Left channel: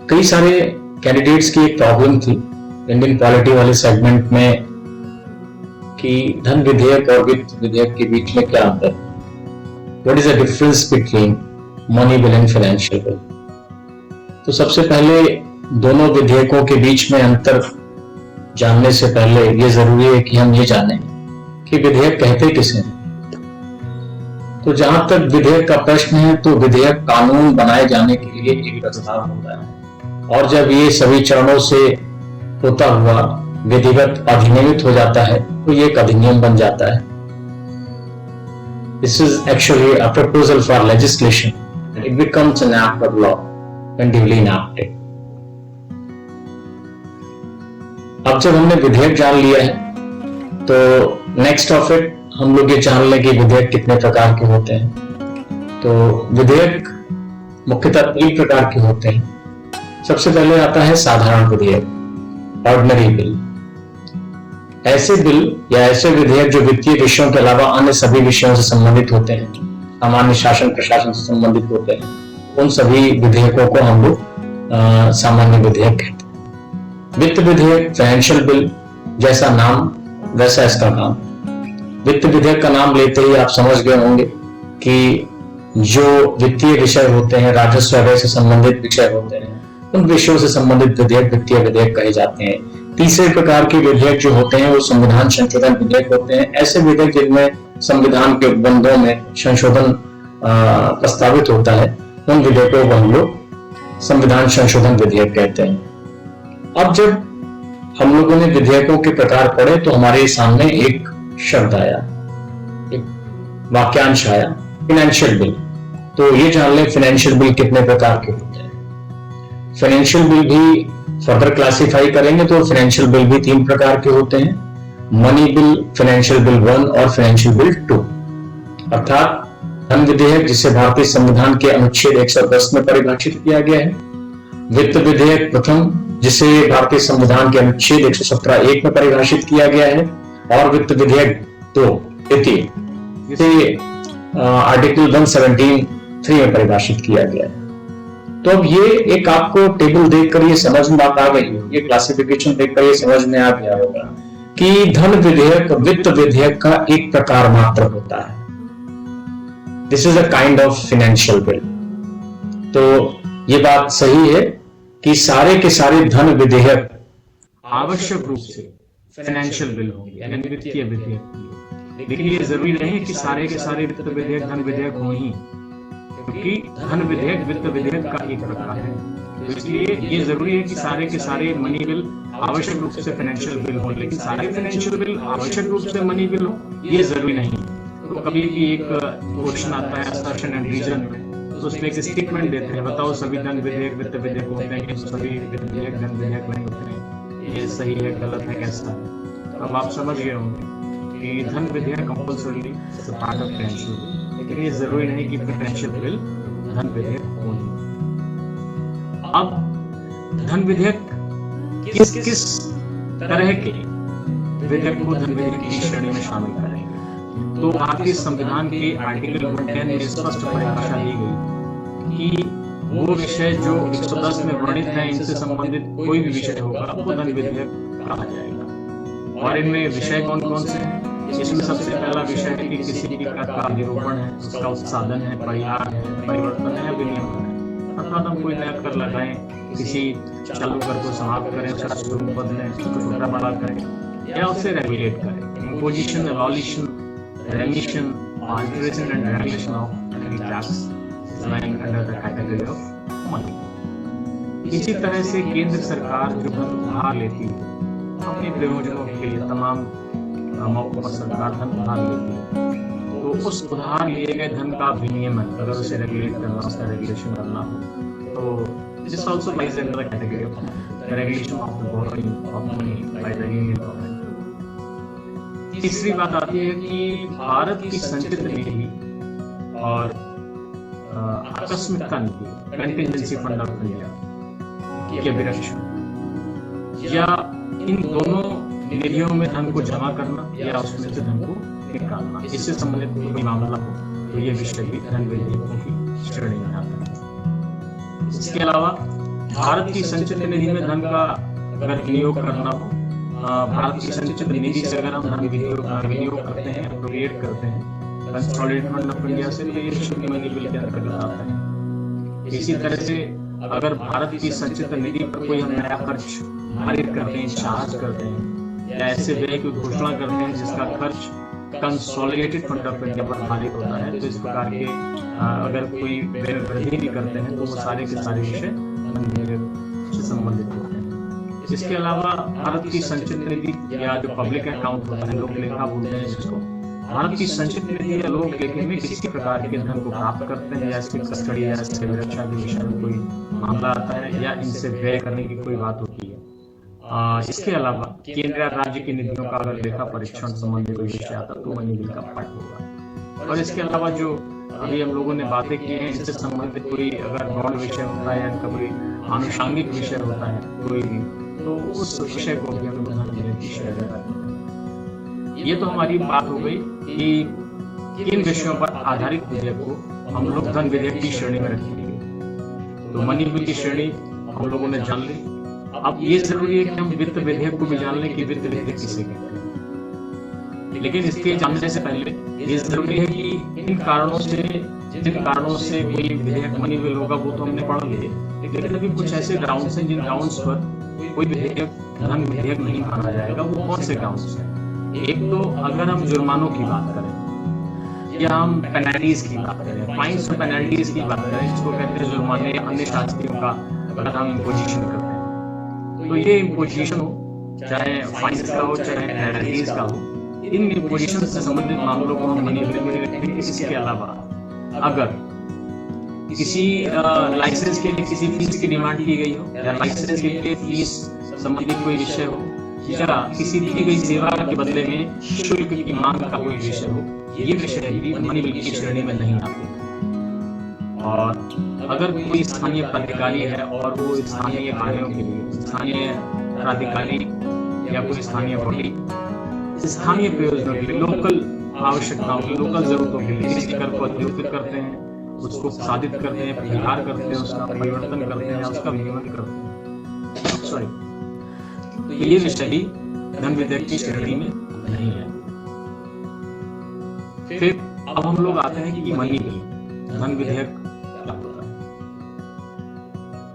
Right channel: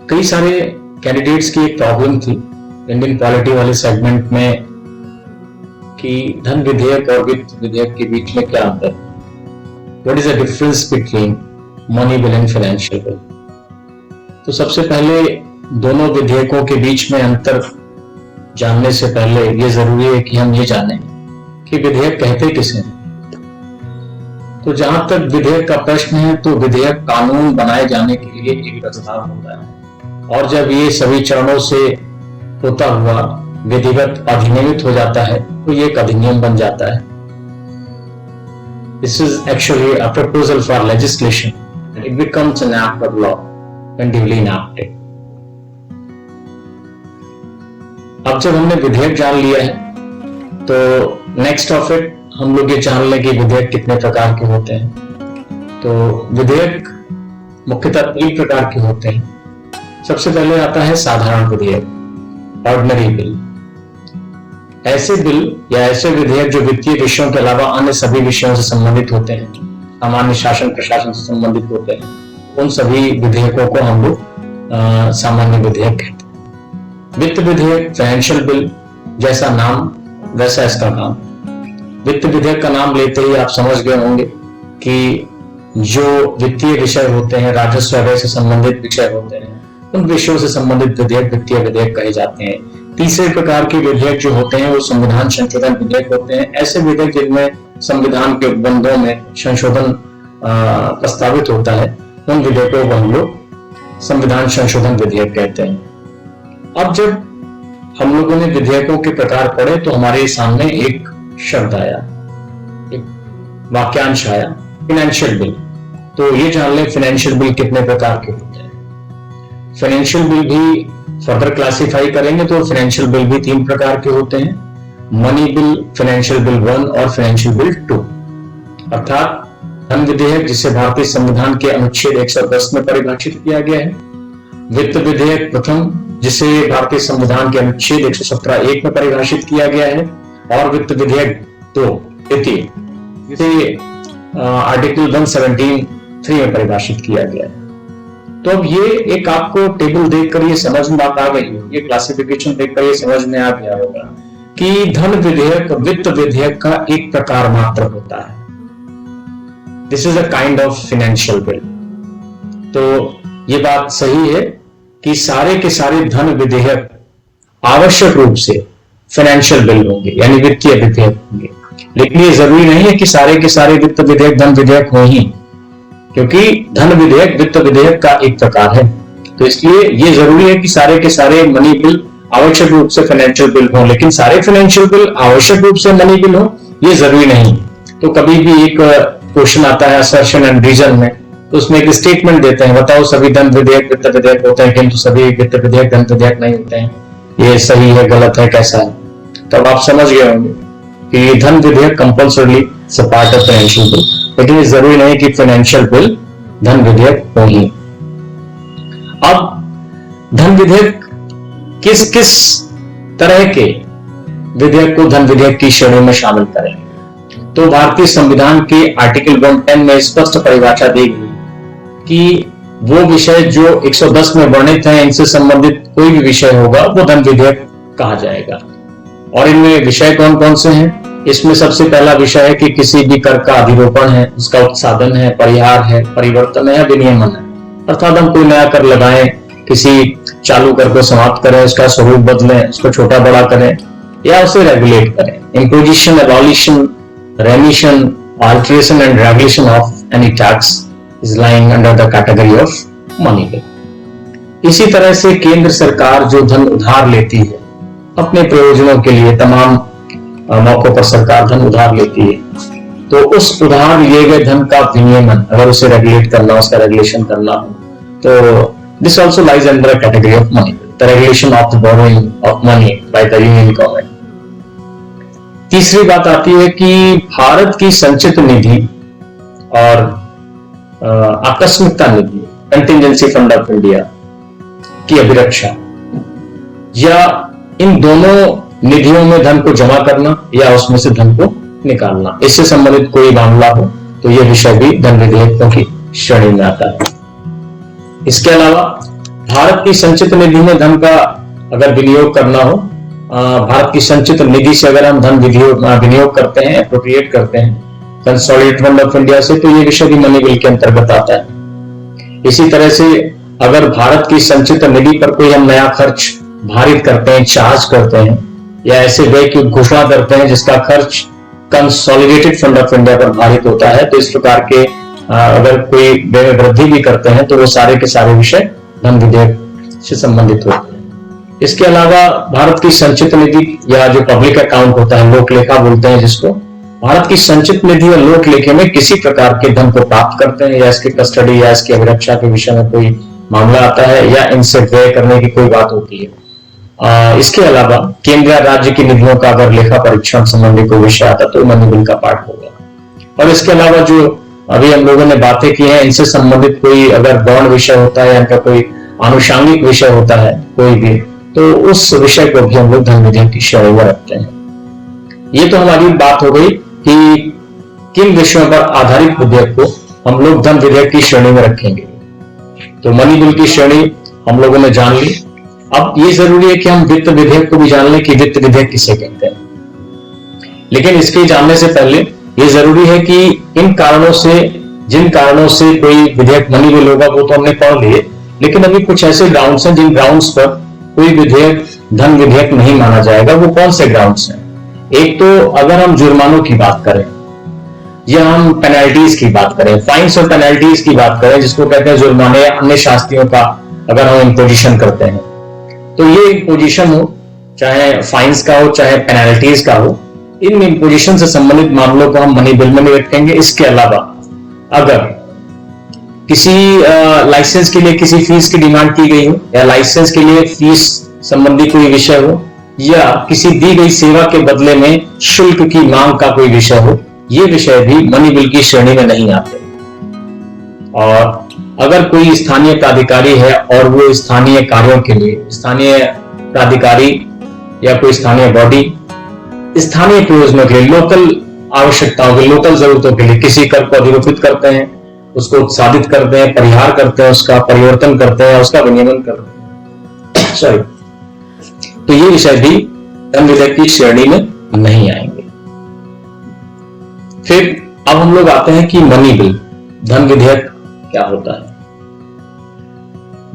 कई सारे कैंडिडेट्स की एक प्रॉब्लम थी इंडियन पॉलिटी वाले सेगमेंट में कि धन विधेयक और वित्त विधेयक के बीच में क्या अंतर है, what is the difference between money bill and financial bill. तो सबसे पहले दोनों विधेयकों के बीच में अंतर जानने से पहले ये जरूरी है कि हम ये जानें कि विधेयक कहते किसे हैं। तो जहां तक विधेयक का प्रश्न है तो विधेयक कानून बनाए जाने के लिए एक प्रस्ताव होता है और जब ये सभी चरणों से होता हुआ विधिवत अधिनियमित हो जाता है तो ये एक अधिनियम बन जाता है। This is actually a proposal for legislation and it becomes an act of law when duly enacted. अब जब हमने विधेयक जान लिया है तो नेक्स्ट ऑफ इट हम लोग ये जान लें कि विधेयक कितने प्रकार के होते हैं। तो विधेयक मुख्यतः 3 प्रकार के होते हैं। सबसे पहले आता है साधारण विधेयक, ऑर्डिनरी बिल। ऐसे बिल या ऐसे विधेयक जो वित्तीय विषयों के अलावा अन्य सभी विषयों से संबंधित होते हैं, सामान्य शासन प्रशासन से संबंधित होते हैं, उन सभी विधेयकों को हम लोग सामान्य विधेयक कहते हैं। वित्त विधेयक, फाइनेंशियल बिल, जैसा नाम वैसा इसका काम। वित्त विधेयक का नाम लेते ही आप समझ गए होंगे कि जो वित्तीय विषय होते हैं, राजस्व व्यय से संबंधित विषय होते हैं, उन विषयों से संबंधित विधेयक वित्तीय विधेयक कहे जाते हैं। तीसरे प्रकार के विधेयक जो होते हैं वो संविधान संशोधन विधेयक होते हैं। ऐसे विधेयक जिनमें संविधान के उपबंधों में संशोधन प्रस्तावित होता है, उन विधेयकों को हम लोग संविधान संशोधन विधेयक कहते हैं। अब जब हम लोगों ने विधेयकों के प्रकार पढ़े तो हमारे सामने एक शब्द आया, एक वाक्यांश आया, फाइनेंशियल बिल। तो ये जान लें फाइनेंशियल बिल कितने प्रकार के होते हैं। फाइनेंशियल बिल भी फर्दर क्लासिफाई करेंगे तो फाइनेंशियल बिल भी 3 प्रकार के होते हैं, मनी बिल, फाइनेंशियल बिल 1 और फाइनेंशियल बिल 2। अर्थात धन विधेयक जिसे भारतीय संविधान के अनुच्छेद 110 में परिभाषित किया गया है, वित्त विधेयक प्रथम जिसे भारतीय संविधान के अनुच्छेद 117(1) में परिभाषित किया गया है, और वित्त विधेयक 2 द्वितीय जिसे आर्टिकल 117(3) में परिभाषित किया गया है। तो अब ये एक आपको टेबल देखकर ये समझ में बात आ गई, ये क्लासिफिकेशन देखकर ये समझ में आ गया होगा कि धन विधेयक वित्त विधेयक का एक प्रकार मात्र होता है। This is a kind of financial bill. तो ये बात सही है कि सारे के सारे धन विधेयक आवश्यक रूप से फाइनेंशियल बिल होंगे, यानी वित्तीय विधेयक होंगे। लेकिन ये जरूरी नहीं है कि सारे के सारे वित्त विधेयक धन विधेयक हो ही, क्योंकि धन विधेयक वित्त विधेयक का एक प्रकार है। तो इसलिए ये जरूरी है कि सारे के सारे मनी बिल आवश्यक रूप से फाइनेंशियल बिल हो, लेकिन सारे फाइनेंशियल बिल आवश्यक रूप से मनी बिल हो ये जरूरी नहीं। तो कभी भी एक क्वेश्चन आता है असर्शन एंड रीजन में, तो उसमें एक स्टेटमेंट देते हैं, बताओ सभी धन विधेयक वित्त विधेयक होते हैं किंतु सभी वित्त विधेयक धन विधेयक नहीं होते हैं, ये सही है गलत है कैसा है। तब आप समझ गए होंगे कि धन विधेयक compulsorily part of financial bill, लेकिन ये जरूरी नहीं कि फाइनेंशियल बिल धन विधेयक हो ही। अब धन विधेयक किस किस तरह के विधेयक को धन विधेयक की श्रेणी में शामिल करेंगे। तो भारतीय संविधान के आर्टिकल 110 में स्पष्ट परिभाषा दी गई कि वो विषय जो 110 में वर्णित है, इनसे संबंधित कोई भी विषय होगा वो धन विधेयक कहा जाएगा। और इनमें विषय कौन कौन से हैं? इसमें सबसे पहला विषय है कि किसी भी कर का अधिरोपण है, उसका उत्साधन है, परिहार है, परिवर्तन है या विनियमन है। अर्थात हम कोई नया कर लगाएं, किसी चालू कर को समाप्त करें, उसका स्वरूप बदलें, उसको छोटा बड़ा करें या उसे रेगुलेट करें। Imposition, abolition, रेमिशन, alteration and regulation of any tax is lying under the category of money bill. इसी तरह से केंद्र सरकार जो धन उधार लेती है अपने प्रयोजनों के लिए, तमाम मौकों पर सरकार धन उधार लेती है, तो उस उधार लिए गए धन का विनियमन, अगर उसे रेगुलेट करना, उसका रेगुलेशन करना हो, तो this also lies under category of money, the regulation of the borrowing of money by the union government. तीसरी बात आती है कि भारत की संचित निधि और आकस्मिकता निधि, कंटिजेंसी फंड ऑफ इंडिया की अभिरक्षा, या इन दोनों निधियों में धन को जमा करना या उसमें से धन को निकालना, इससे संबंधित कोई मामला हो तो यह विषय भी धन विधेयकों की श्रेणी में आता है। इसके अलावा भारत की संचित निधि में धन का अगर विनियोग करना हो, भारत की संचित निधि से अगर हम धन विनियोग करते हैं, अप्रोप्रिएट करते हैं कंसोलिडेटेड फंड ऑफ इंडिया से, तो ये विषय भी मनी बिल के अंतर्गत आता है। इसी तरह से अगर भारत की संचित निधि पर कोई हम नया खर्च भारित करते हैं, चार्ज करते हैं, या ऐसे व्यय की घोषणा करते हैं जिसका खर्च कंसोलिडेटेड फंड ऑफ इंडिया पर भारित होता है, तो इस प्रकार के अगर कोई व्यय वृद्धि भी करते हैं तो वो सारे के सारे विषय धन विधेयक से संबंधित होते हैं। इसके अलावा भारत की संचित निधि या जो पब्लिक अकाउंट होता है, लोक लेखा बोलते हैं जिसको, भारत की संचित निधि और लोक लेखे में किसी प्रकार के धन को प्राप्त करते हैं या इसकी कस्टडी या इसकी अभिरक्षा के विषय में कोई मामला आता है या इनसे व्यय करने की कोई बात होती है। इसके अलावा केंद्र या राज्य की निधियों का अगर लेखा परीक्षण संबंधी कोई विषय आता तो मनी बिल का पार्ट होगा। और इसके अलावा जो अभी हम लोगों ने बातें की हैं, इनसे संबंधित कोई अगर गौण विषय होता है या इनका कोई आनुषांगिक विषय होता है कोई भी, तो उस विषय को भी हम लोग धन विधेयक की श्रेणी में रखते हैं। ये तो हमारी बात हो गई कि किन विषयों पर आधारित विधेयक को हम लोग धन विधेयक की श्रेणी में रखेंगे। तो मनी बिल की श्रेणी हम लोगों ने जान ली। अब ये जरूरी है कि हम वित्त विधेयक को भी जान लें कि वित्त विधेयक किसे कहते हैं। लेकिन इसके जानने से पहले ये जरूरी है कि इन कारणों से, जिन कारणों से कोई विधेयक मनी बिल होगा वो तो हमने पढ़ लिए, लेकिन अभी कुछ ऐसे ग्राउंड्स हैं जिन ग्राउंड्स पर कोई विधेयक धन विधेयक नहीं माना जाएगा। वो कौन से ग्राउंड्स हैं? एक तो अगर हम जुर्मानों की बात करें या हम पेनल्टीज की बात करें, फाइन्स और पेनल्टीज की बात करें, जिसको कहते हैं जुर्माने या अन्य शास्तियों का अगर हम इम्पोजिशन करते हैं, तो ये इम्पोजिशन हो, चाहे फाइन्स का हो चाहे पेनल्टीज का हो, इन इम्पोजिशन से संबंधित मामलों को हम मनी बिल में नहीं रखेंगे। इसके अलावा अगर किसी लाइसेंस के लिए किसी फीस की डिमांड की गई हो या लाइसेंस के लिए फीस संबंधी कोई विषय हो या किसी दी गई सेवा के बदले में शुल्क की मांग का कोई विषय हो, ये विषय भी मनी बिल की श्रेणी में नहीं आते। और अगर कोई स्थानीय प्राधिकारी है और वो स्थानीय कार्यों के लिए, स्थानीय प्राधिकारी या कोई स्थानीय बॉडी स्थानीय प्रयोजनों के लिए, लोकल आवश्यकताओं के, लोकल जरूरतों के लिए किसी कर को अधिरोपित करते हैं, उसको उत्साहित करते हैं, परिहार करते हैं, उसका परिवर्तन करते हैं, उसका विनियमन करते हैं, सॉरी, तो ये विषय भी धन विधेयक की श्रेणी में नहीं आएंगे। फिर अब हम लोग आते हैं कि मनी बिल, धन विधेयक क्या होता है।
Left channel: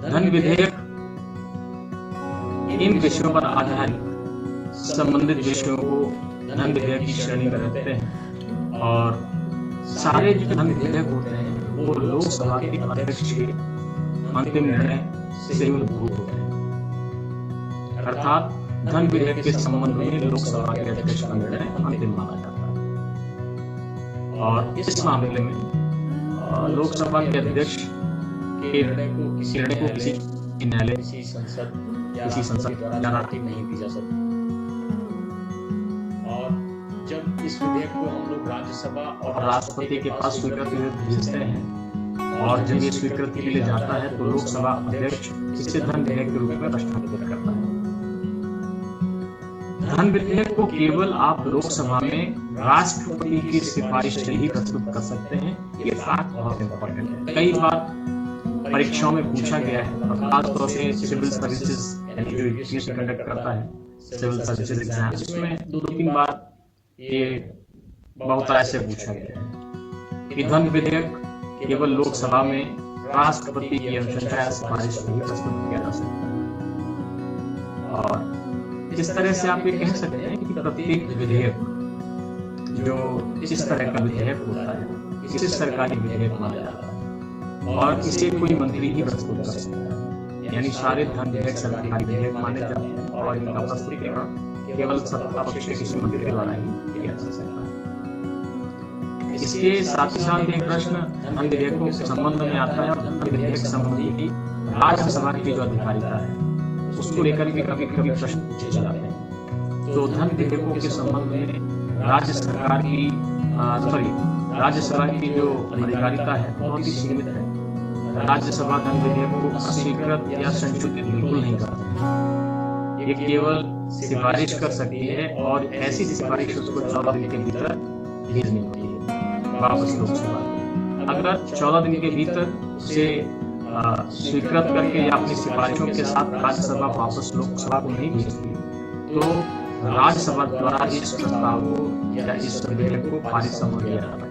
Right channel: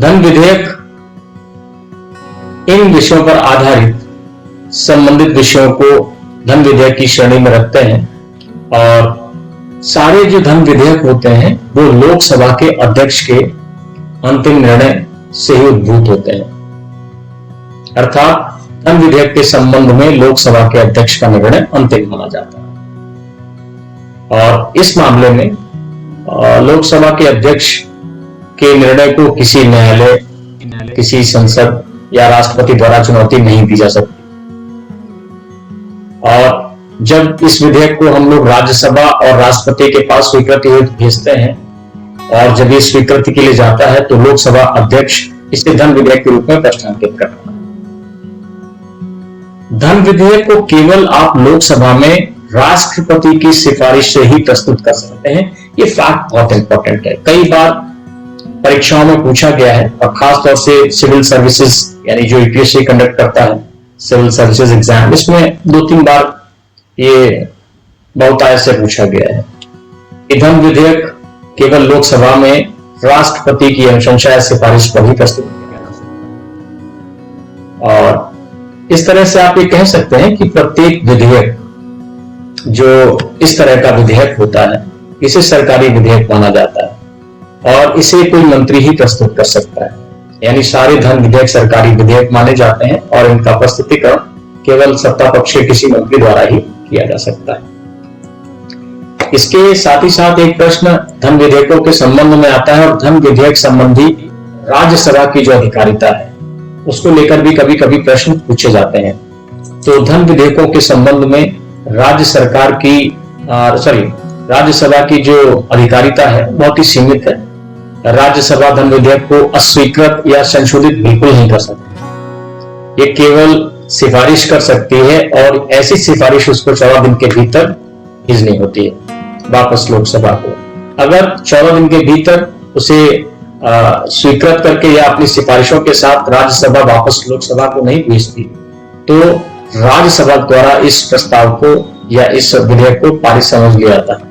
धन विधेयक इन विषयों पर आधारित संबंधित विषयों को धन विधेयक की श्रेणी में रखते हैं और सारे जो धन विधेयक होते हैं वो लोकसभा के अध्यक्ष के अंतिम निर्णय से ही उद्भूत होते हैं। अर्थात धन विधेयक के संबंध में लोकसभा के अध्यक्ष का निर्णय अंतिम माना जाता है और इस मामले में लोकसभा के अध्यक्ष के निर्णय को किसी न्यायालय, किसी संसद या राष्ट्रपति द्वारा चुनौती नहीं दी जा सकती। और जब इस विधेयक को हम लोग राज्यसभा और राष्ट्रपति के पास स्वीकृति हेतु भेजते हैं और जब ये स्वीकृति के लिए जाता है तो लोकसभा अध्यक्ष इसे धन विधेयक के रूप में प्रस्तावित करता है। धन विधेयक को केवल आप लोकसभा में राष्ट्रपति की सिफारिश से ही प्रस्तुत कर सकते हैं। ये फैक्ट बहुत इंपॉर्टेंट है, कई बार परीक्षाओं में पूछा गया है और खासतौर से सिविल सर्विसेज यानी जो यूपीएससी कंडक्ट करता है सिविल सर्विसेज एग्जाम, इसमें 2-3 बार ये बहुत ऐसे पूछा गया है कि धन विधेयक केवल लोकसभा में राष्ट्रपति की अनुशंसा या सिफारिश पर ही प्रस्तुत किया जा सकता है। और इस तरह से आप ये कह सकते हैं कि प्रत्येक विधेयक जो इस तरह का विधेयक होता है इसे सरकारी विधेयक माना जाता है और इसे कोई मंत्री ही प्रस्तुत कर सकता है। यानी सारे धन विधेयक सरकारी विधेयक माने जाते हैं और इनका प्रस्तुतिकरण केवल सत्ता पक्ष के किसी मंत्री द्वारा ही किया जा सकता है। इसके साथ ही साथ एक प्रश्न धन विधेयकों के संबंध में आता है और धन विधेयक संबंधी राज्यसभा की जो अधिकारिता है उसको लेकर भी कभी कभी प्रश्न पूछे जाते हैं। तो धन विधेयकों के संबंध में राज्यसभा की जो अधिकारिता है बहुत ही सीमित है। राज्यसभा धन विधेयक को अस्वीकृत या संशोधित बिल्कुल नहीं कर सकती। ये केवल सिफारिश कर सकती है और ऐसी सिफारिश उसको 14 दिन के भीतर भेजनी होती है वापस लोकसभा को। अगर 14 दिन के भीतर उसे स्वीकृत करके या अपनी सिफारिशों के साथ राज्यसभा वापस लोकसभा को नहीं भेजती, तो राज्यसभा द्वारा इस प्रस्ताव को या इस विधेयक को पारित समझ लिया जाता है।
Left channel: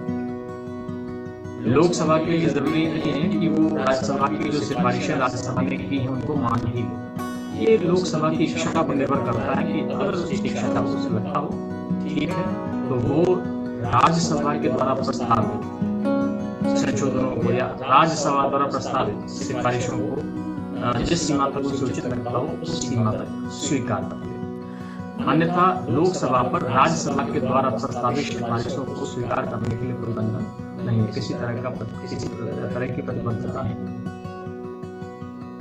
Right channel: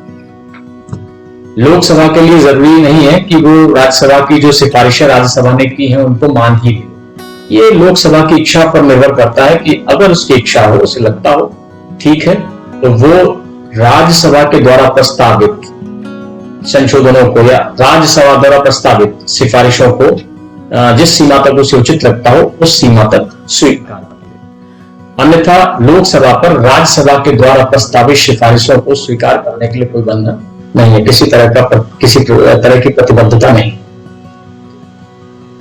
लोकसभा के लिए जरूरी नहीं है कि वो राज्यसभा की जो सिफारिशें राज्यसभा ने की हैं उनको मान ही ले। ये लोकसभा की इच्छा पर निर्भर करता है कि अगर उसकी इच्छा हो, उसे लगता हो ठीक है, तो वो राज्यसभा के द्वारा प्रस्तावित संशोधनों को या राज्यसभा द्वारा प्रस्तावित सिफारिशों को जिस सीमा तक उसे उचित लगता हो उस सीमा तक स्वीकार कर ले। अन्यथा लोकसभा पर राज्यसभा के द्वारा प्रस्तावित सिफारिशों को स्वीकार करने के लिए कोई बंधन नहीं है, किसी तरह की प्रतिबद्धता नहीं।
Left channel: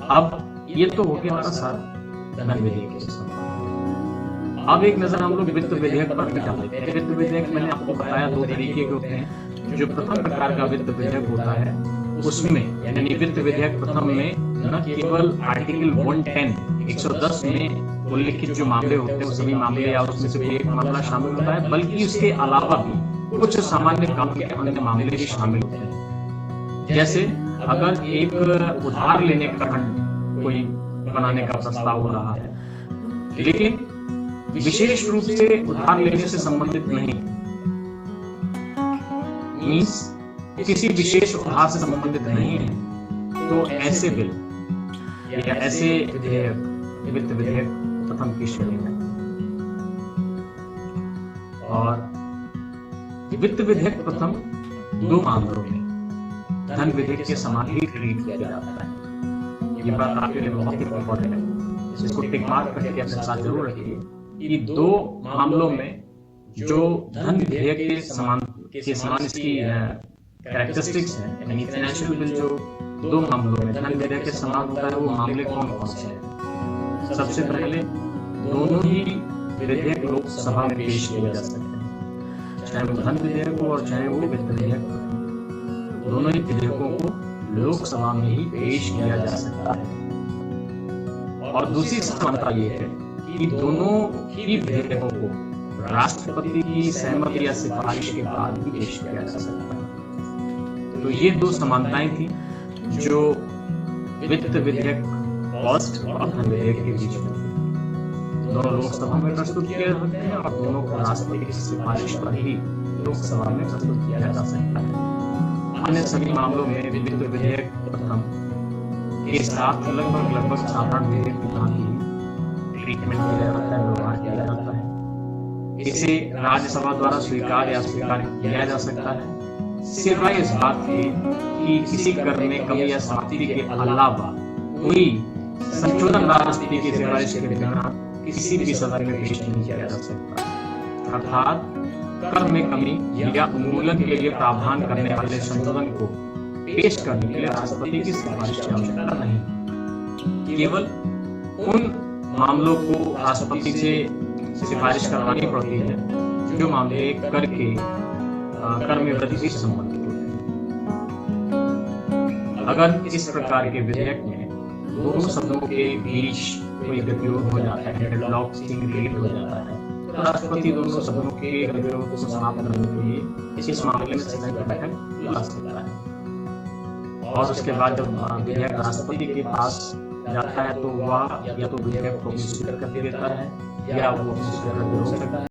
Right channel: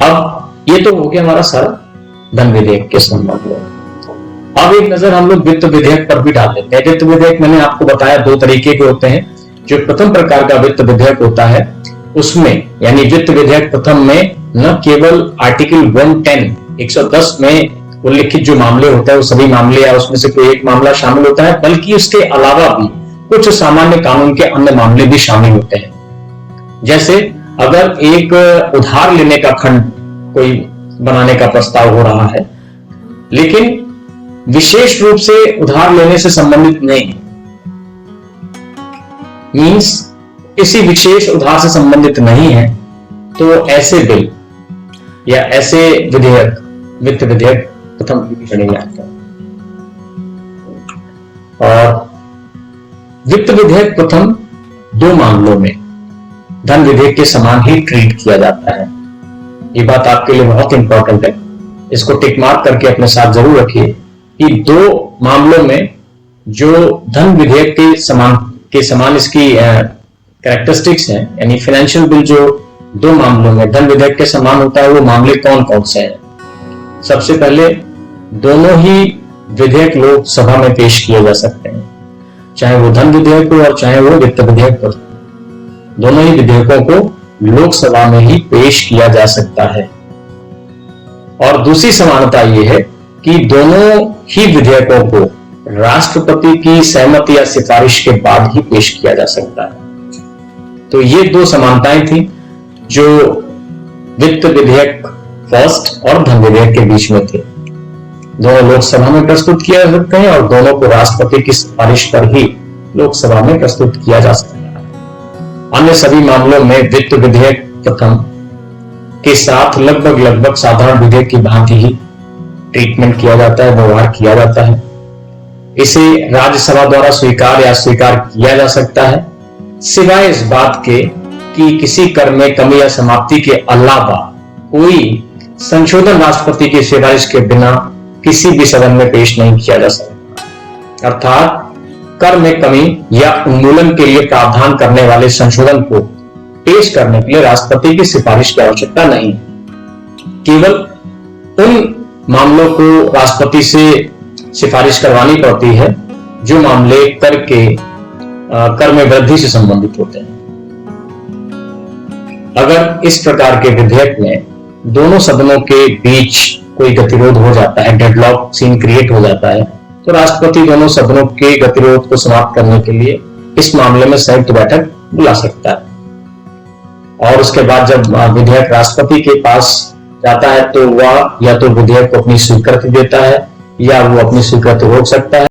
अब ये तो हो गया हमारा सारा धन विधेयक के संबंध में। अब एक नजर हम लोग वित्त विधेयक पर भी डाल देते हैं। वित्त विधेयक मैंने आपको बताया दो तरीके के होते हैं। जो प्रथम प्रकार का वित्त विधेयक होता है उसमें, यानी वित्त विधेयक प्रथम में न केवल आर्टिकल 110 में उल्लिखित जो मामले होते हैं वो सभी मामले या उसमें से कोई एक मामला शामिल होता है, बल्कि उसके अलावा भी कुछ सामान्य कानून के अन्य मामले भी शामिल होते हैं। जैसे अगर एक उधार लेने का खंड कोई बनाने का प्रस्ताव हो रहा है, लेकिन विशेष रूप से उधार लेने से संबंधित नहीं, मीन्स किसी विशेष उधार से संबंधित नहीं है, तो ऐसे बिल या ऐसे विधेयक वित्त विधेयक प्रथम श्रेणी में आता है। और वित्त विधेयक प्रथम दो मामलों में धन विधेयक के समान ही ट्रीट किया जाता है। ये बात आपके लिए बहुत इंपॉर्टेंट है, इसको टिक मार्क करके अपने साथ जरूर रखिए कि दो मामलों में जो धन विधेयक के समान इसकी कैरेक्टरिस्टिक्स हैं, यानी फाइनेंशियल बिल जो दो मामलों में धन विधेयक के समान होता है वो मामले कौन कौन से हैं। सबसे पहले दोनों ही विधेयक लोकसभा में पेश किए जा सकते हैं, चाहे वो धन विधेयक हो और चाहे वो वित्त विधेयक हो। दोनों ही विधेयकों को लोकसभा में ही पेश किया जा सकता है। और दूसरी समानता यह है कि दोनों ही विधेयकों को राष्ट्रपति की सहमति या सिफारिश के बाद ही पेश किया जा सकता है। तो ये दो समानताएं थी जो वित्त विधेयक फर्स्ट और धन विधेयक के बीच में थे। दोनों लोकसभा में प्रस्तुत किया जा सकते हैं और दोनों को राष्ट्रपति की सिफारिश पर ही लोकसभा में प्रस्तुत किया जा सकता है। अन्य सभी मामलों में वित्त विधेयक प्रथम के साथ लगभग साधारण विधेयक की भांति ही ट्रीटमेंट किया जाता है, व्यवहार किया जाता है। इसे राज्यसभा द्वारा स्वीकार या अस्वीकार किया जा सकता है, सिवाय इस बात के कि किसी कर में कमी या समाप्ति के अलावा कोई संशोधन राष्ट्रपति की सिफारिश के बिना किसी भी सदन में पेश नहीं किया जा सकता। अर्थात कर में कमी या उन्मूलन के लिए प्रावधान करने वाले संशोधन को पेश करने के लिए राष्ट्रपति की सिफारिश की आवश्यकता नहीं। केवल उन मामलों को राष्ट्रपति से सिफारिश करवानी पड़ती है जो मामले कर में वृद्धि से संबंधित होते हैं। अगर इस प्रकार के विधेयक में दोनों सदनों के बीच कोई गतिरोध हो जाता है, डेडलॉक सीन क्रिएट हो जाता है, तो राष्ट्रपति दोनों सदनों के गतिरोध को समाप्त करने के लिए इस मामले में संयुक्त बैठक बुला सकता है। और उसके बाद जब विधेयक राष्ट्रपति के पास जाता है तो वह या तो विधेयक को अपनी स्वीकृति देता है या वो अपनी स्वीकृति रोक सकता है।